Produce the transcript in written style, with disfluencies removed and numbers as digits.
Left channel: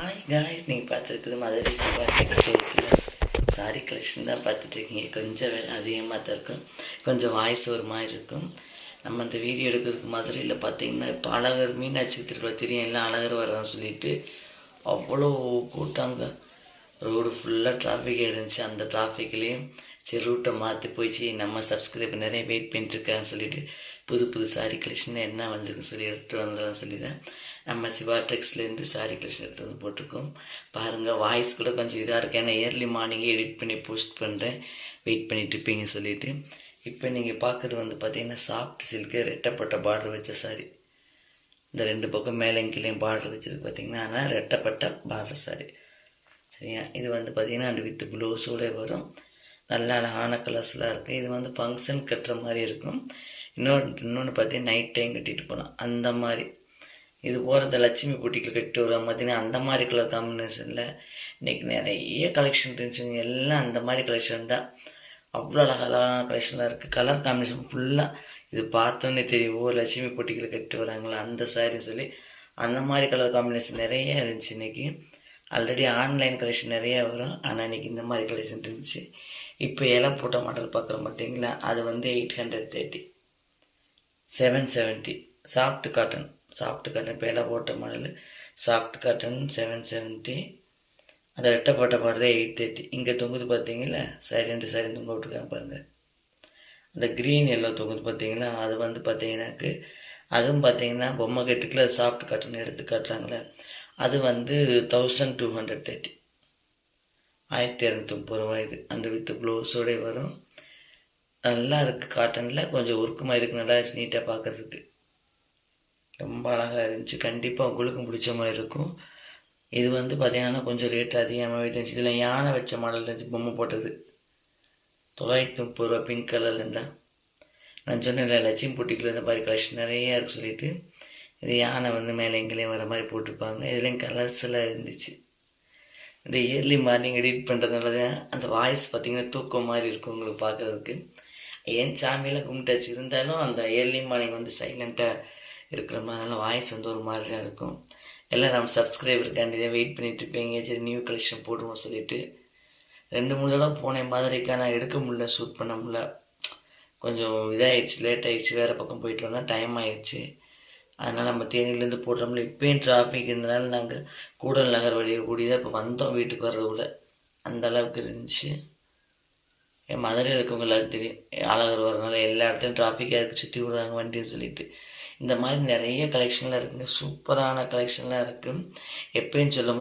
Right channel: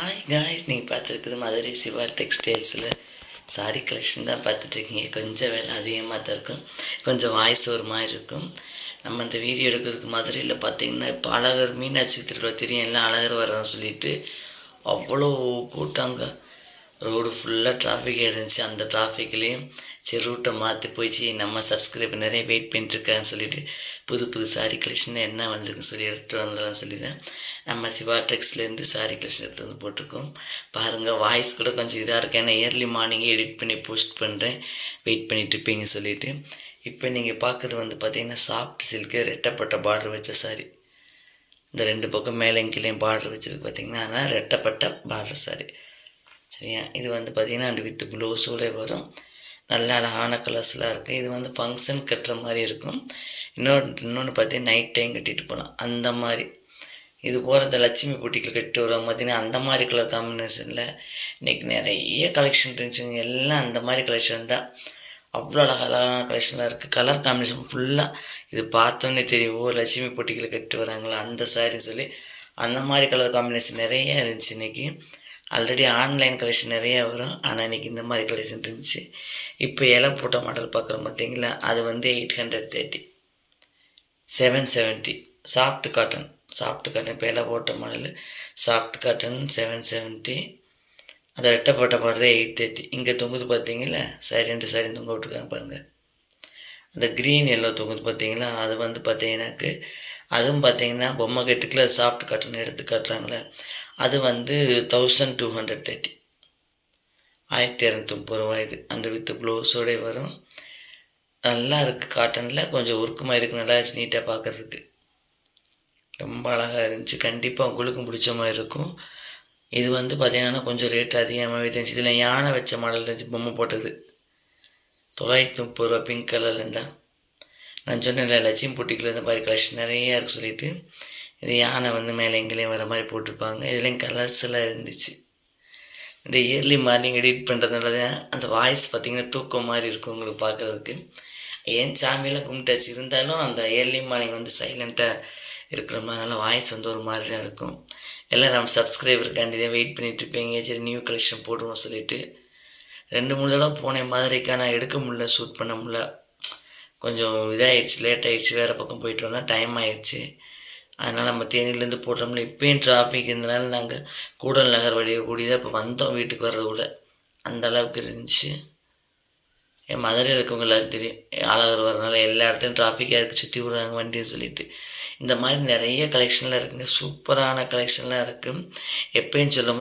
Hi guys, நீங்கள் பார்த்துருக்குது Madurai Siva டெக்ஸ்டைல்ஸில் sorry collection தான் பார்த்துட்ருக்கீங்க. கொஞ்சம் வேலை அதிகமாக தான் இருக்கும், கொஞ்சம் வாய்ஸ் ஒரு மாதிரி இருக்கும். நம்ம இந்த வீடியோ எடுக்கிறதுக்கு மதுரையில் பார்த்திங்கன்னா இப்போ அழகர் மீனாட்சி திருவிழா தெரியும், எல்லாம் அழகர் வர்றான்னு சொல்லிட்டு அவ்வளோ கூட்டாங்க. ரோடு ஃபுல்லாக டிராஃபிக்காக இருந்துச்சு. அந்த டிராஃபிக்லேயும் சரி ரூட்டை மாற்றி போயிடுச்சு. நம்ம சப்ஸ்கிரைபர் நிறைய வெயிட் பண்ணிட்டுருக்கான்னு சொல்லிட்டு புது சாரி கலெக்ஷன் என்ன வந்திருக்குன்னு சொல்லி எடுத்துகிட்டு வந்துடலாம்னு சொல்லி தான் நம்ம சிவா டெக்ஸ்லேருந்து சாரி கலெக்ஷன் எடுத்து வந்து போட்டிருக்கோம். பாருங்கள், வாய்ஸ் கூட கொஞ்சம் இதாக இருக்குது, ஏன்னா ஏர்லி மார்னிங்கே எடிட் பண்ணி போஸ்ட் பண்ணுறேன், வெயிட் பண்ணிட்டு இருப்பீங்க சொல்லிவிட்டு. இப்போ நீங்கள் பார்க்குறது வந்து பார்த்திங்கன்னா சாஃப்ட் சில்க்கு ரெட்டப்பட்ட பார்டர் வச்ச சாரி. இந்த ரெண்டு பக்கம் மேலே கீழேயும் பார்டர் வச்சதுக்கு பார்த்திங்கன்னா அதனால் ரெட்டப்பட்ட பார்டர் சாரி. சரியா, இது வந்து பார்த்திங்கன்னா அண்டு வித் ப்ளவுஸோடு வரும். நல்ல அழகான கலர்ஸ்லாம் இருக்குது. இது வந்து ஃபங்க்ஷன் கட்டுற மாதிரி இருக்கும். இன்னொன்று பார்த்தீங்கன்னா நைட் டைம் கட்டிட்டு போகலாம் அந்த மாதிரி. இது போகிறத லட்சுமி பூட்டிக்கில் கட்டிட்டு வரும் பார்த்திங்கன்னா அந்த மாதிரி கலர் காம்பினேஷனில் இன்றைக்கி நிறைய கலெக்ஷன் இருந்துச்சுங்க. எல்லாம் அந்த மாதிரி கலெக்ஷன் தான். அவ்வளோ அழகான கலெக்ஷன்லாம் இருக்குது. கலர் காம்பினேஷன் ஃபுல்லாக இது பார்த்தோன்னே தெரியும், ஓ லட்சுமி பூட்டிக்கில் கட்டிட்டு வராங்களா அந்த சாரின்னு சொல்லி. அந்த மாதிரி கலர் காம்பினேஷன் நிறைய இருந்துச்சு இன்றைக்கி. ஆல்ரெடி ஆன்லைன் கலெக்ஷன் நிறையா வரும், ஆனால் இன்றைக்கி இந்த மாதிரி கலெக்ஷன் இருந்துச்சு. இப்போ இலை போட்ட மாடல் பார்க்குறோம் பார்த்தீங்களா, அது வந்து 830, 770 சாஃப்ட் காட்டன். இப்போ இலை போட்ட மாடல் சாஃப்ட் காட்டன் 770. அதை ரெட்டை போட்ட பாடுறது 830. இங்கே தொங்குது பார்த்தீங்களா சாரி, 2 சாரி தொங்க விட்டுருக்காங்க பாருங்கள். அந்த க்ரீன் எல்லோ தொங்குது பார்த்தீங்களா, அது வந்து பார்த்தீங்கன்னாக்கு அதுவும் பார்த்தீங்கன்னா பொம்மை கட்டுக்குள்ள சாஃப்ட் காட்டன் எடுத்து காட்டுறாங்களே, அது வந்து 1230, 1230 ரூபா. இது அந்த வித் ப்ளவுஸோடே வரும். நல்லா இருக்குது, காட்டனில் கொஞ்சம் ஒர்க்குமாக இருக்குது, நல்லா நீட்டாக பார்க்குறதுக்கு ரொம்ப அழகாக இருந்துச்சு. கண்டிப்பாக உங்களுக்கும் பிடிச்ச மாதிரி இருக்கும். இது வந்து பார்த்திங்கன்னா கொஞ்சம் ரேட் அதிகமாகவே இருந்துச்சு. இதில் யானை வச்ச மாடல் இருந்துச்சு, பொம்மை போட்டது 930 ரூபா. பிங்க் கலரில் இருந்தால் நான் சொன்னேன் லட்சுமி பூட்டிக்கில் இந்த மாதிரி கலெக்ஷன் நிறையா இருக்குது சொல்லிவிட்டு. இது யானை வந்து மேலே எங்கேயும் வர மாதிரி போட்டிருப்பாங்க. இதுலேயும் கலர்ஸ் எல்லாம் இருந்துச்சு. இந்த இயர்லி மார்னிங் எடிட் பண்ணுறதுனால தான் அந்த வாய்ஸ் பார்த்திங்கன்னா தூக்கம் மாதிரி இருக்கும் உங்களுக்கு பார்க்குறதுக்கு. ஏன் சாமியெல்லாம் கும்பிட்டாச்சு, இருந்தாலும் அந்த இயர்லி மார்னிங் வந்து சைலண்ட்டாக இருக்கிற மாதிரினால வாய்ஸ் வந்து ஒரு மாதிரி தான் இருக்கும். எல்லாம் நம்ம சப்ஸ்கிரைபருக்காண்டி தான் வெயிட் பண்ணிகிட்டு இருப்பீங்க. சரி நியூ கலெக்ஷன் போடுவோம் சொல்லிவிட்டு 2-3 தடவை போனேன் மதுரைக்கு, ஆனால் எடுக்க முடியல, ஷூட் பண்ண முடியல. கொஞ்சம் இதாகிடுச்சு, லேட் ஆகிடுச்சு, வேறு பக்கம் போயிட்டு வந்தோம்னா டைம் ஆகிடுச்சு. அதனால் நம்ம தேனியிலேருந்து போடுறோம்ல, இப்போயும் டிராஃபிக் இருந்தனால நாங்கள் கூடல் நகர் வழியை கூடி தான் இப்போ வந்தோம். வீட்டுக்கு வர்றது கூட அந்த அளவுக்கு இருந்துச்சு. என் மதுரையில் இருக்கவங்க எல்லாம் தெரியும், அழகர் வர்றதுனால எல்லா இடத்துலையும் டிராஃபிக்காக இருக்குது, சுற்றி விடுறாங்க வண்டின்னு சொல்லிட்டு. இந்த மாதிரி நிறைய கலெக்ஷன்லாம் இருக்குங்க, சூப்பரான கலெக்ஷன்லாம் இருக்குது. எப்பயும் சொல்லும்